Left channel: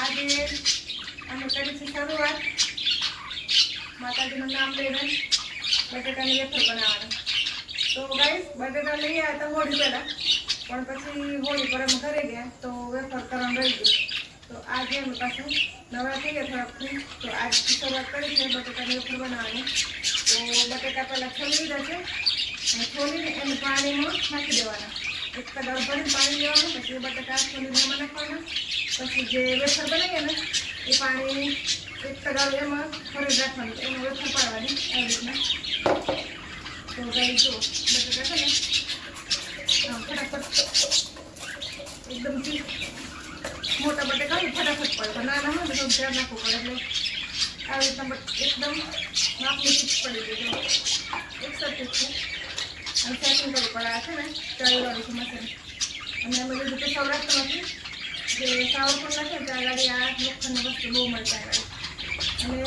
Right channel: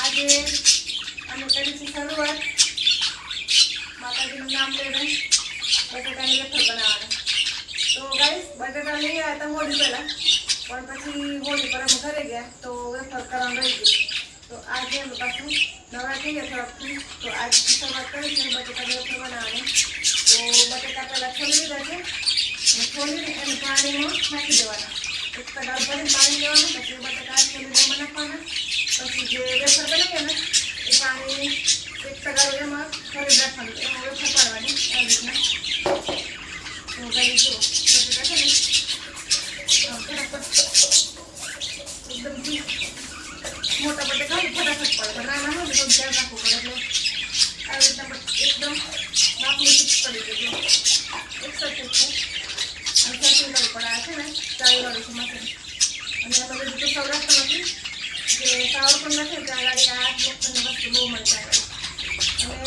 આજે અમે કરી છે શરૂઆત. માતાજીનું નામ લઈને બટેટાની વેફર બનાવવાના. તો ગાઈસ બટેટા લઈ આવ્યા હતા હોળી પહેલાં. પણ પછી હોળી પર અમે ઘરે ગયા, તો વેફર કરવાનું રહી ગયું. તો આજે અમે પાછું નવા થઈ ગયા થોડાકથી તો આજથી શરૂઆત કરી છે બટેટાની વેફર બનાવવાની. તો બટેટા પહેલાં છોલી લીધા છે. અને છોલીને એને પાણીમાં નાખી દેવાના. એક કડાળ ભરીને પાણી લેવાનું, પછી બટાકા એમાં નાખવાના પછી જે વેફર બનાવીએ ને, એ પાણી એક કડાળ એમાં ભરી રાખવાનું એમાં વેફર પાડવાની આવી રીતના. તો કઈ જો, બટાકા છે ને ફટાફટ એકદમથી મોટા બટાકા ફટાફટ પડે નાના હોય ને તો ધ્યાન રાખવું પડે, એટલે આવી રીતના એકદમ માપની ફિક્સ પડી ગઈ એક સરખી છે. સેટિંગ કરવું છે ને ચાલી વાળું અને અમે લીધું તો સૌરાષ્ટ્રમાંથી જે સાવર પણ નથી ત્યાં આગળ વસ્તુ બહુ મળતા અને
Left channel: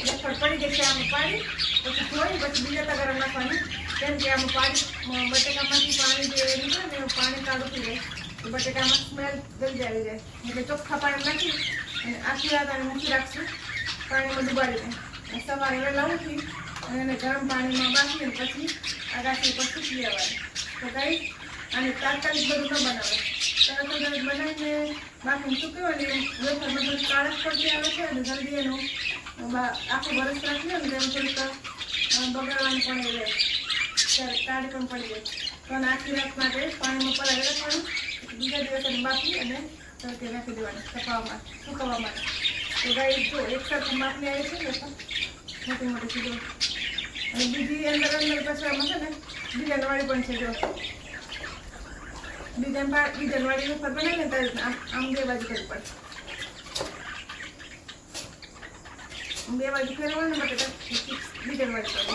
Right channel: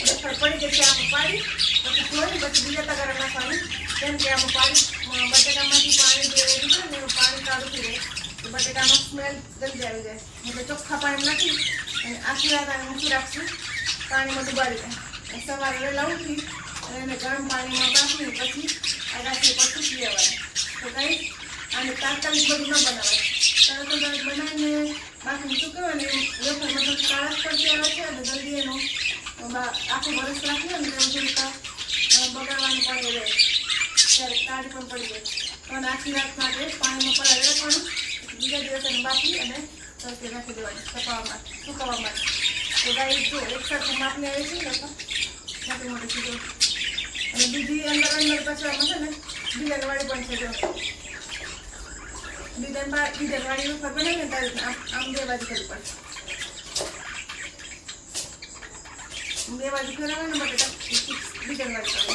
વેફર પડી છે આમાં પાડી પછી ધોઈ પછી બીજા તગારા નાખવાનું કેમ કે પાણી બટેકામાંથી પાણી જે નીકળે ને એવું પાણી કાઢું થઈ જાય તો બટેકામાં સ્મેલ ગંદી આવી જાય એટલે ચોખ્ખા પાણી નાખી અને આખી રાત અને મૂકી રાખશું પાણીમાં ડુબાડીને સવારે વહેલા ઉઠી અને ગરમ પાણીમાં બાફીને પછી આગાથી ઉપર જ લેવાય. તો કંઈ અને તાત્કાલિક બધું ન બનાવાય. તરત જ બનાવીને બાકી શું કહેવાય ને વેફર મતલબ કાળા પડતી આવે છે અને જલ્દી એનું આખું વરસ રાખીએ ને એમ થોડીક બગાડવાનું પણ એ રહે. ત્યારે કાળી પણ પડી જાય. આને આખી રાત માટે પાણીમાં પડાવી રાખવાનું. બીજા દિવસે બાફી અને તડકે નાખી દેવાની માટે સુકવવા માટે તો ગાય જો એક સાથે માપને આવે છે ને પણ મોટી મોટી ચીજો. અને બીજી અંદર અંદર પછી છે ને ડિઝાઇનવાળી પણ છે જો. ડિઝાઇન ડિઝાઇનવાળીનું ફર બનાવીને ત્યારે આમ બે બાજુ કરવી પડે. બે બાજુ ફેરવવાનું માટે ડિઝાઇનવાળી પડે.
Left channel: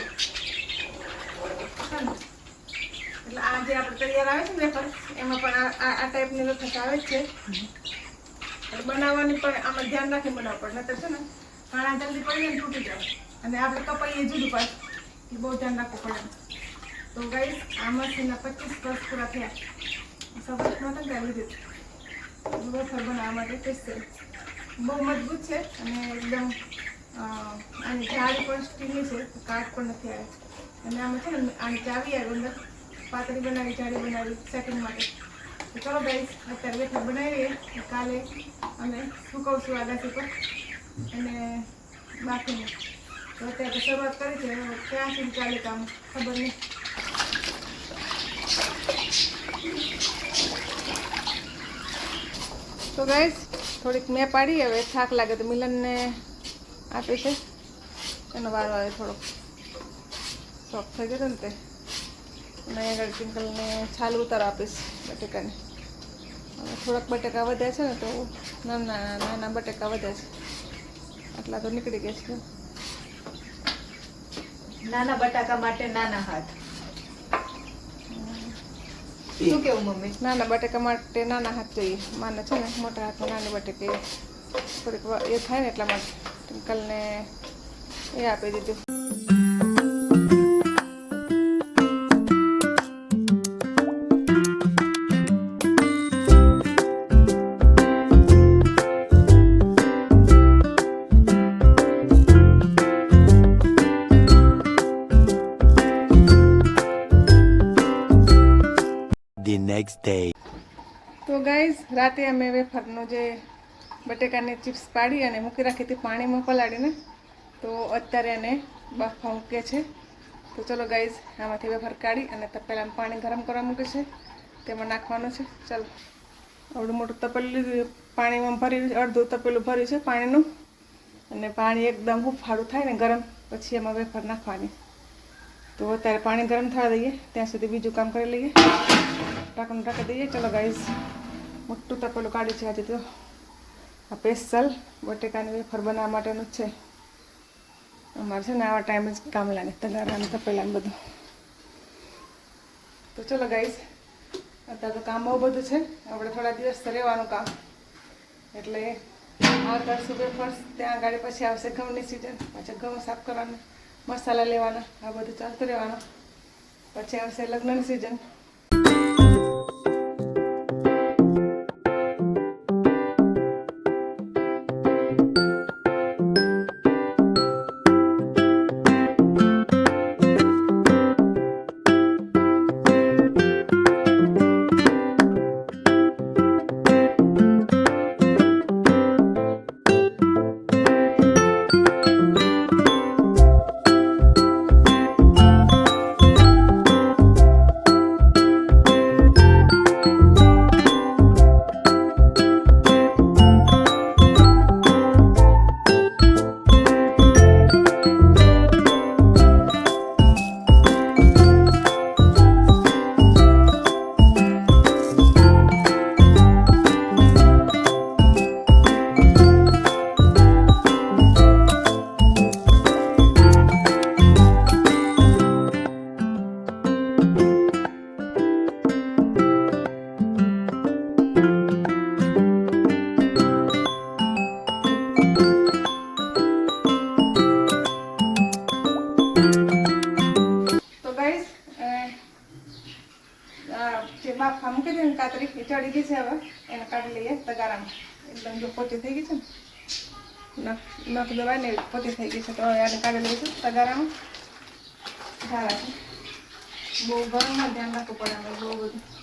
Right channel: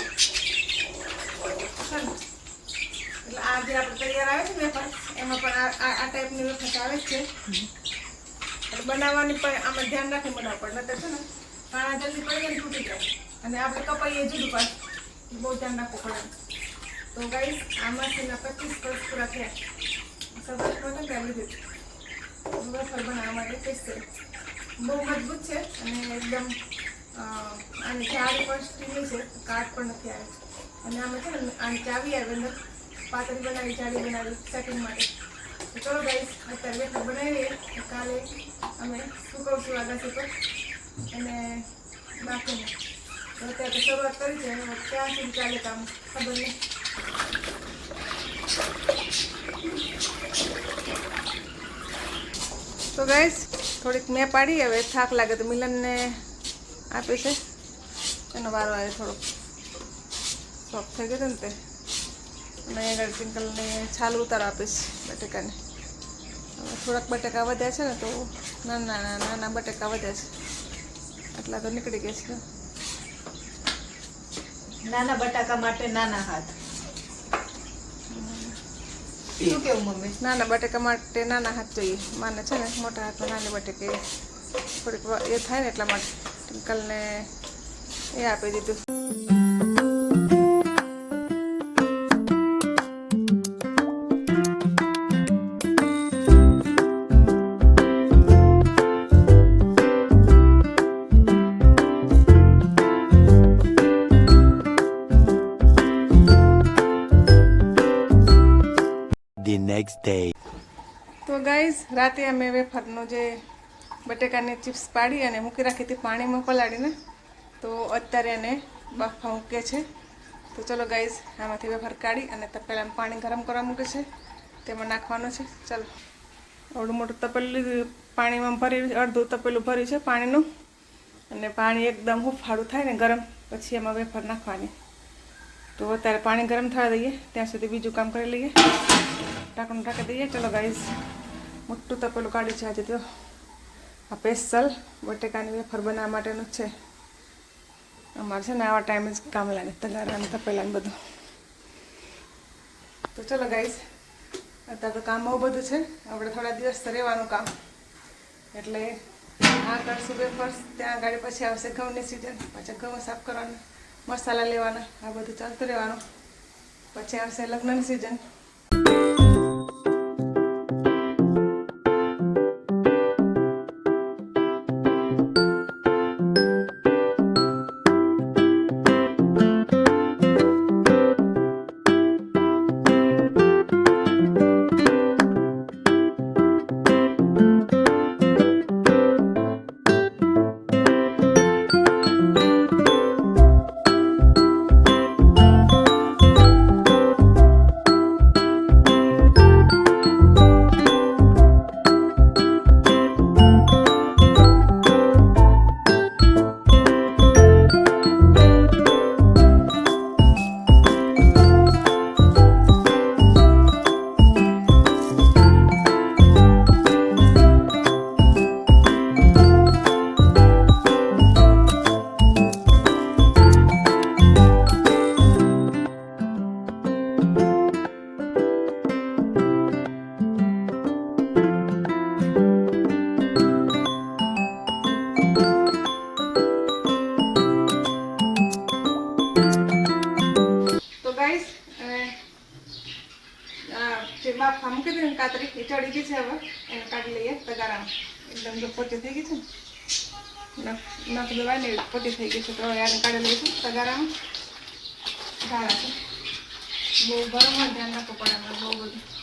એટલે આ જે આપણે તૈયાર આવે છે વેફર, એમાં પણ આ આ ટાઈપની વેફર આવે છે. એટલે બનાવવાની પણ આમાં ધ્યાન રાખી બનાવવું પડે, નહીતર છે ને ઘણા જલ્દી પડી જાય તૂટી જાય. અને આપણે કપાઈએ જુદું પાછું બહુ ધ્યાન રાખવું પડે. તો ગાઈસ આમાં છે ને પચીસ વર્ષ પૂરા થયા. સબતમાં તો ત્યાં લીધું વેફર બનાવવા માટે સ્પેશિયલ બહુ મજબૂત છે અને એકદમ આની જાળી પણ સ્ટીલની છે, કાટ પણ નથી આવે. અને આમાં છે ને આની ચાવી આવે અંદર. પાતળી બનાવી, જાળી બનાવી સેટિંગ માટે. તો ચલો ગાઈસ અત્યારે બેઠક બનાવીએ. કાલે અમે સુકવશું આગાસી પર. અને બાકીને. તો અત્યારે શરૂઆત કરી છે. ક્યાં સુધી ચાલે કામ ખબર નહીં. તો ગાઈસ થોડીક મેં પાડી. હવે થાક લાગે તો મિલનને આપે છે. એનો વારો આવે થોડોક શોખ થઈ ગયો ને તે. અને આગળ પિંકલને છાલ ઉતાર આપીશ બટેકાને. હવે થોડાક બટેકા વધ્યા છે ને તો નાના નાના બટેકા વધ્યા છે. આટલા તો નીકળી ગયા છે. નાના બટાકા માટે નાના હાથ. શું કેવું મમ્મી? નાના બટાકા માટે નાના હાથ જોઈએ. માને છે ને મોટા હાથમાં નાની બટેકી થોડીક એ થાય ને એટલા માટે. ટિંકલને એ આપી દીધું. The next day. તો ગાઈઝ રાતે અમે વેફરનો જે બટેકાની ચિપ્સ પાડી અને મૂકી રાખી હતી પાણીમાં પલાળીને, તો અત્યારે એને બાફા મૂકે છે તો ચલો ગાઈઝ આમાંથી વેફર કાઢી અને તપેલામાં પાણી ગરમ કરવા મૂકે છે. તેમાં નાખવાનું છે. ચાલો. આવડું મોટું તપેલું પાણીમાં ભરી, અડધું તપેલું ભર્યું છે પાણીનું. અને પાણી એકદમ હુફાળું થાય ને ગરમ, પછી એમાં વેફર નાખવાની. તો અત્યારે પાણી ગરમ થવા દઈએ. ત્યાં સુધી બીજું કામ કરી લઈએ. ઢાંકણું ઢાંકી દઈએ ચલો ગાઈસ મોટું તપેલું કાઢ્યું છે આજે તો આ સ્પેશિયલ બટેકાની વેફર બનાવવા માટેનું છે અમારે છે ને આવા ટાઈમે જ કામ લાગે તગારાને તપેલાને બધું તો ચલો ગાઈસ અત્યારે તો કામ બહુ બધું છે આપણે થોડા દિવસ રહેવાનું કામ એટલે આ કરશું વેફર્સ ત્યાં આગળ પછી આવશે ઘઉંની સિઝન પછી ઘઉં સાફ કરવાના મસાલા લેવાના આ બધું ચાલતું રહેવાનું પછી આવશે લગ્નની સિઝન જો પોચી થઈ ગઈ છે ને? નખ દબાય ને પોટી થઈ ગઈ છે. તો હવે એને કાઢી લઈશું તગારામાં. સારા છે. બહુ ગરમમાં ધ્યાન રાખવું પડે બહુ બધું.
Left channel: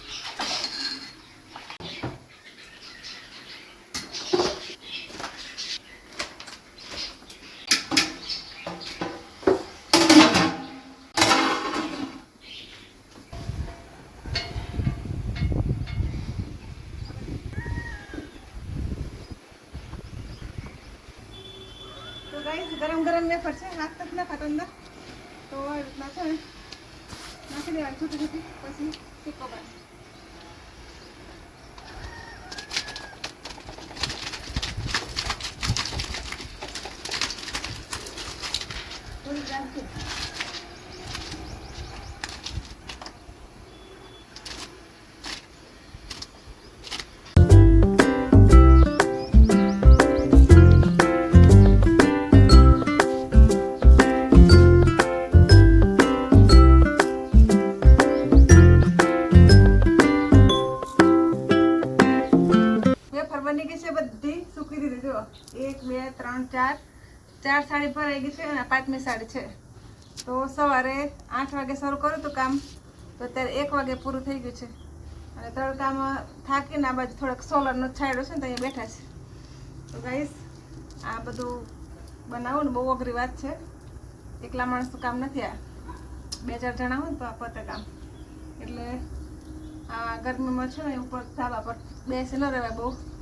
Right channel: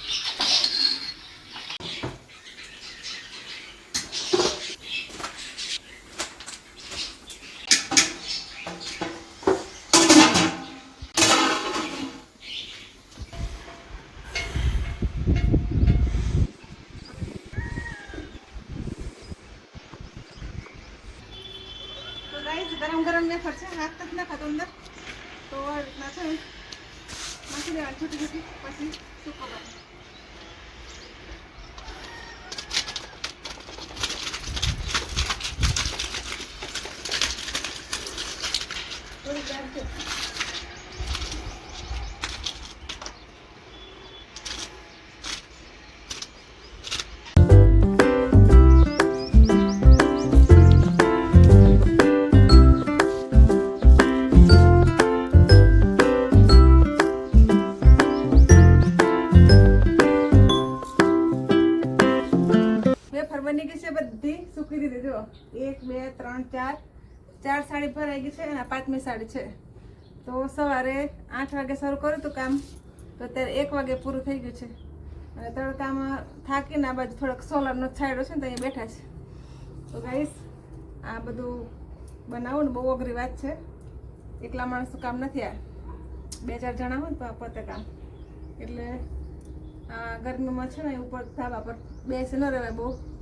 ગરમ ગરમ વેફર છે, હાથ તક ના ખાતો અંદર. તો આ રીતના છે. નાખી દેવાની છૂટી છૂટી. પછી સૂકો થોડી Thank છે. બધી સૂકી દીધી જુઓ. એક, બે, ત્રણ, ચાર. ચાર સાડી ભરાઈ ગઈ છે અને પાંચમી સાડી છે. તો સવારે આઠ વાગે શરૂ કર્યું હતું કામ. તો અત્યારે એક વાગે પૂરું થઈ ગયું છે. અને તડકામાં થાકીને આ બાજુ થોડોક સોલરનો છાંયડો છે ને તો અહીંયા બેઠા છે. તો ગાઈસ આ બધું બનાવવું ને, બહુ અઘરી વાત છે. એકલા માણસનું કામ નથી આ. બે, ચાર જણા હોય ને તો આ પતે કામ. એટલે આ ગરમીમાં છે ને ઉપર ધાબા પર બેસી ન રહેવાય બહુ.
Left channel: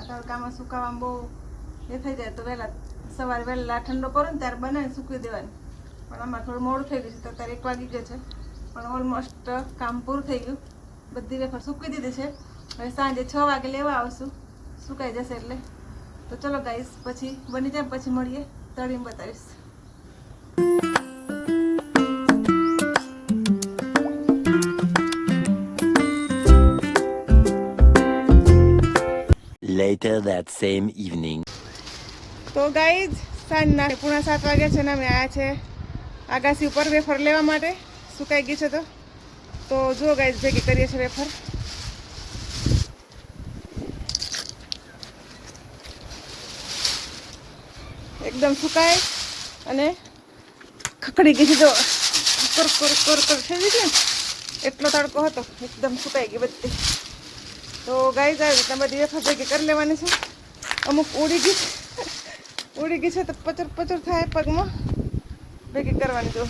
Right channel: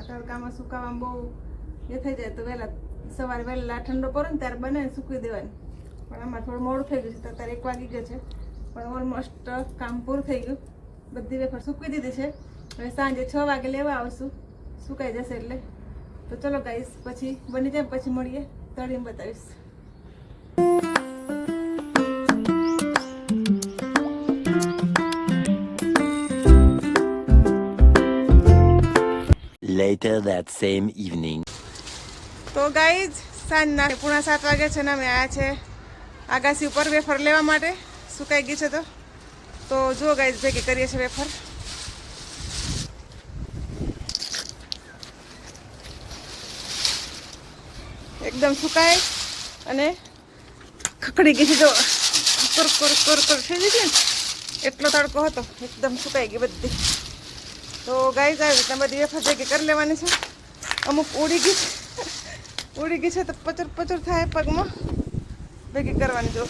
આ તડકામાં સુકાવામાં બહુ એ થઈ જાય તો વહેલા સવારે વહેલા ઠંડો કરો ને ત્યારે બનાવીને સૂકવી દેવાની. પણ આમાં થોડું મોડું થઈ ગયું છે, તો અત્યારે એક વાગી ગયો છે. પણ ઓલમોસ્ટ કામ પૂરું થઈ ગયું. બધી વેફર સૂકવી દીધી છે. હવે સાંજે છ વાગે લેવા આવશું. સુકાઈ જશે એટલે. તો ચલો ગાઈશ પછી બની જાય પછી મળીએ. તળીને બતાવીશ. Later that same evening. તો ગાઈઝ સાંજના પૂણા સાત વાગ્યા છે ને અમે આવ્યા છે આગાસી ઉપર વેફર લેવા માટે. સુકાઈ ગઈ છે તો. તો જો ગાઈઝ ભેગી કરીએ છીએ વેફર. એકદમ સુકાય અને ખકડી ગઈ છે જો. કર કર કર કર. થઈ ગઈ છે એટલો તડકો હતો, એકદમ સુકાઈ ગઈ બધી. તો ગાઈઝ આવી રીતના બધી વેફર ભેગી કરી લેવાની છે અમુક ઉડી ગઈ છે ઉડી ગઈ છે તો પચર પચર થાય પગમાં ભેગી કરવાની જો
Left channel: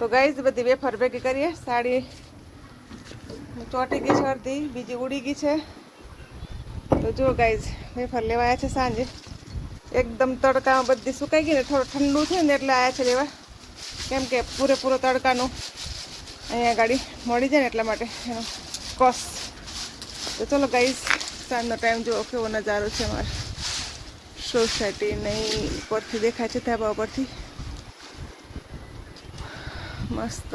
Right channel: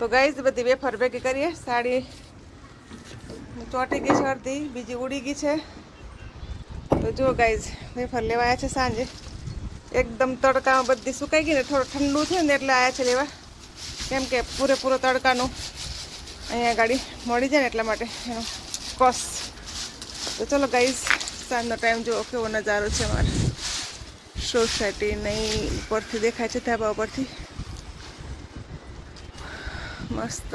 તો ગાઈઝ બધી વેફર ભેગી કરીએ સાડી ચોટી ગઈ છે અડધી બીજી ઉડી ગઈ છે તો જો ગાઈઝ વેફર લેવાયા છે સાંજે એકદમ તડકામાં બધી સુકાઈ ગઈ ને થોડું ઠંડુ થયું ને એટલે આવ્યા છે લેવા। કેમ કે પૂરેપૂરો તડકાનું અહીંયા ગાડી મળી જાય ને એટલા માટે એનો કોસ તો ચલો ગાઈઝ સાંજનો ટાઈમ જુઓ કેવો નજારો છે અમારે. સોસાયટી નહીં ઉપરથી દેખાય છે ધાબા ઉપરથી. મસ્ત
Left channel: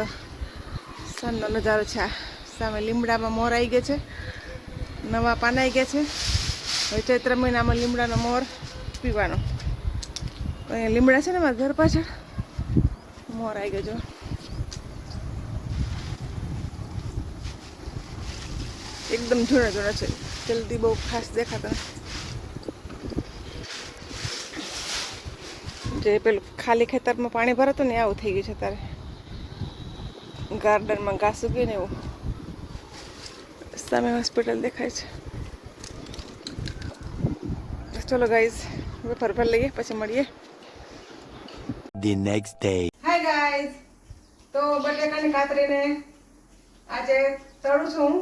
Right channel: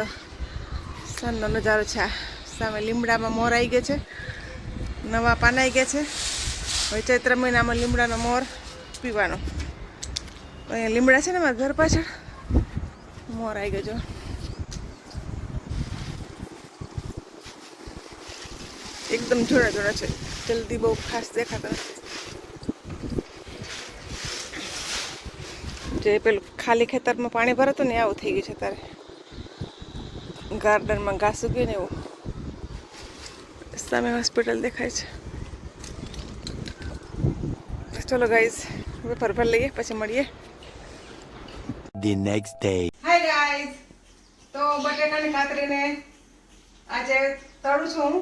સાંજનો નજારો છે આ. સામે લીમડામાં મોર આવી ગયો છે. નવા પાન આવી ગયા છે. હવે ચૈત્ર મહિનામાં લીમડાનો મોર પીવાનો. અહીંયા લીમડા છે ને મારા ઘર પાછળ? મોર આવી ગયો એકદમ જૂના જૂના છે. જલ્દી બહુ ખાસ દેખાતા જે પેલું ખાલી ખેતરમાં પાણી ભરાતું ને આવું થઈ ગયું છે તારે ગાર્ડનમાં ઘાસ ઉગ્યું ને એવું. સામે હોસ્પિટલ દેખાય છે. ચલો ગાઈઝ, વેફર ભર લઈએ, પછી મળીએ. The next day. કાતરીને આજે તળું છું.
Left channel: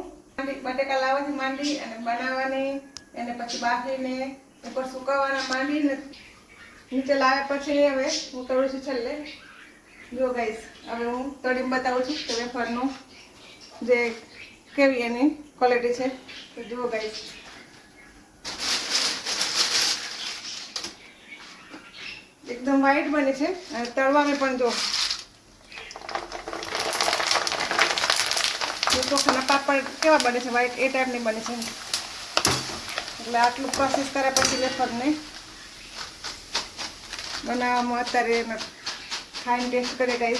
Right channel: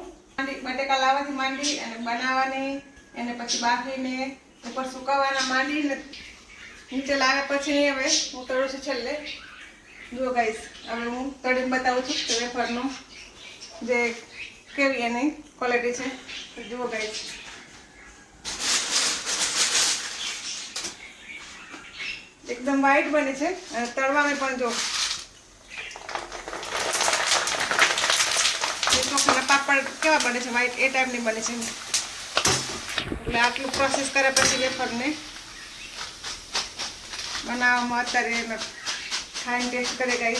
બટેકા લાવવાથી માંડી અને બનાવવાની, એને પછી બાફીને ઉપર સુકવવાના માંડીને નીચે લાવ્યા પછી હવે હું તળું છું છેલ્લે. જો ગાઈશ હવે હું તળીને બતાવું છું કે વેફરનું જે કેવી એની ક્વોલિટી છે. તો જુઓ ગાઈશ એકદમ વ્હાઈટ બને છે. અને તળવામાં પણ જો ચોખાના પાપડ કેવા બને છે? વ્હાઈટ એ ટાઈપની બને છે એટલે આટલું પ્રોસેસ કર્યા પછી વેફરને બનાવવામાં અત્યારે એનો ખાઈને ટેસ્ટ કરી ગઈ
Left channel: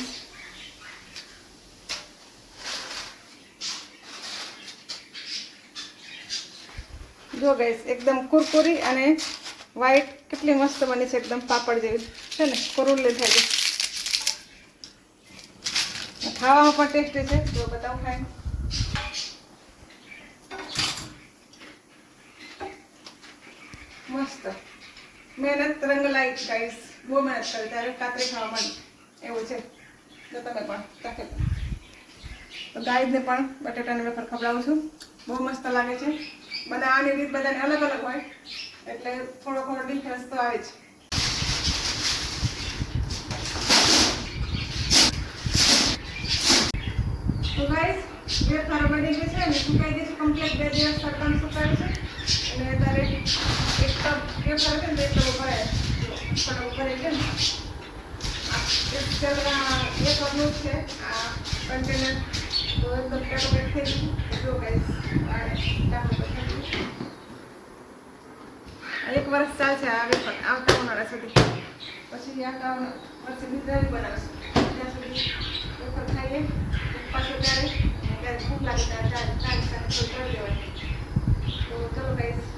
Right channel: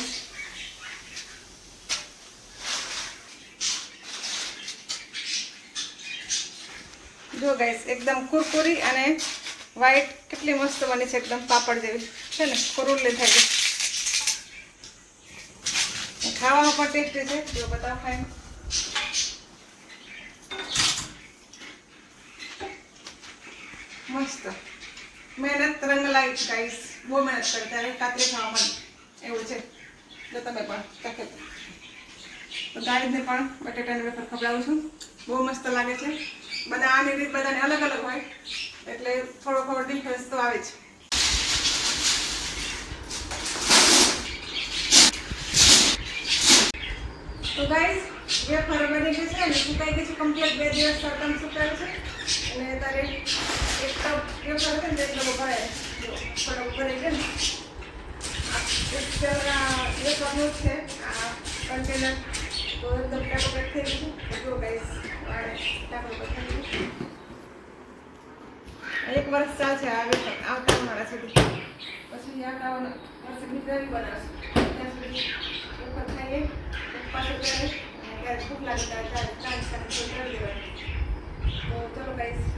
જો ગાઈસ એકદમ કુરકુરી અને વ્હાઈટ કેટલી મસ્ત બને છે, એકદમ પાપડ જેવી. છે ને? કુરુલી થઈ ગઈ ખાવામાં પણ ટેસ્ટી છે. જો બધા ખાય મહેનત રંગ લાવી ગાઈસ બહુ મહેનત કરી, ત્યારે કાતરી ખાવા એવું છે. જો તમે પણ ચાખો તો પણ બટેટાની વેફર ખવડાવું છું. બહુ મસ્ત લાગે છે. બનાવવાની રીત બધાને અલગ અલગ હોય. એટલે થોડો થોડો ડિફરન્સ તો આવે છે તો ગાઈસ વેફર બની ગઈ છે અને સુકાઈ ગઈ છે. કમ્પ્લીટ બે દિવસ સરકાર સુકાયું છે. અને અત્યારે એક ટબ વેફર છે ને એક ટબો ભરાય. થોડો ભરાઈ ગયો ને. એક પેલા એક ટબનું છે. આ કન્ટેનર તો એકદમ ટાટો થઈ ગયું જો ગાઈસ વાળે ટાટો થઈ ગયું એક વર્ષ ચાલશે આ વેફર આવતા ઉનાળા સુધી. પછી આવતા વર્ષે ગુજરાતી બનાવશું. ત્યાં સુધી વેફર ખાઈએ પાછું ત્યારે ત્યારે ભૂખ લાગે ત્યારે ત્યારે થોડું કરી દેવાય તો ચલો ગાઈસ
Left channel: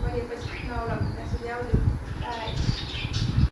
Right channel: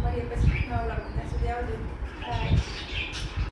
મળીએ પછી નવા લાગે ત્યાં સુધી આવજો. બાય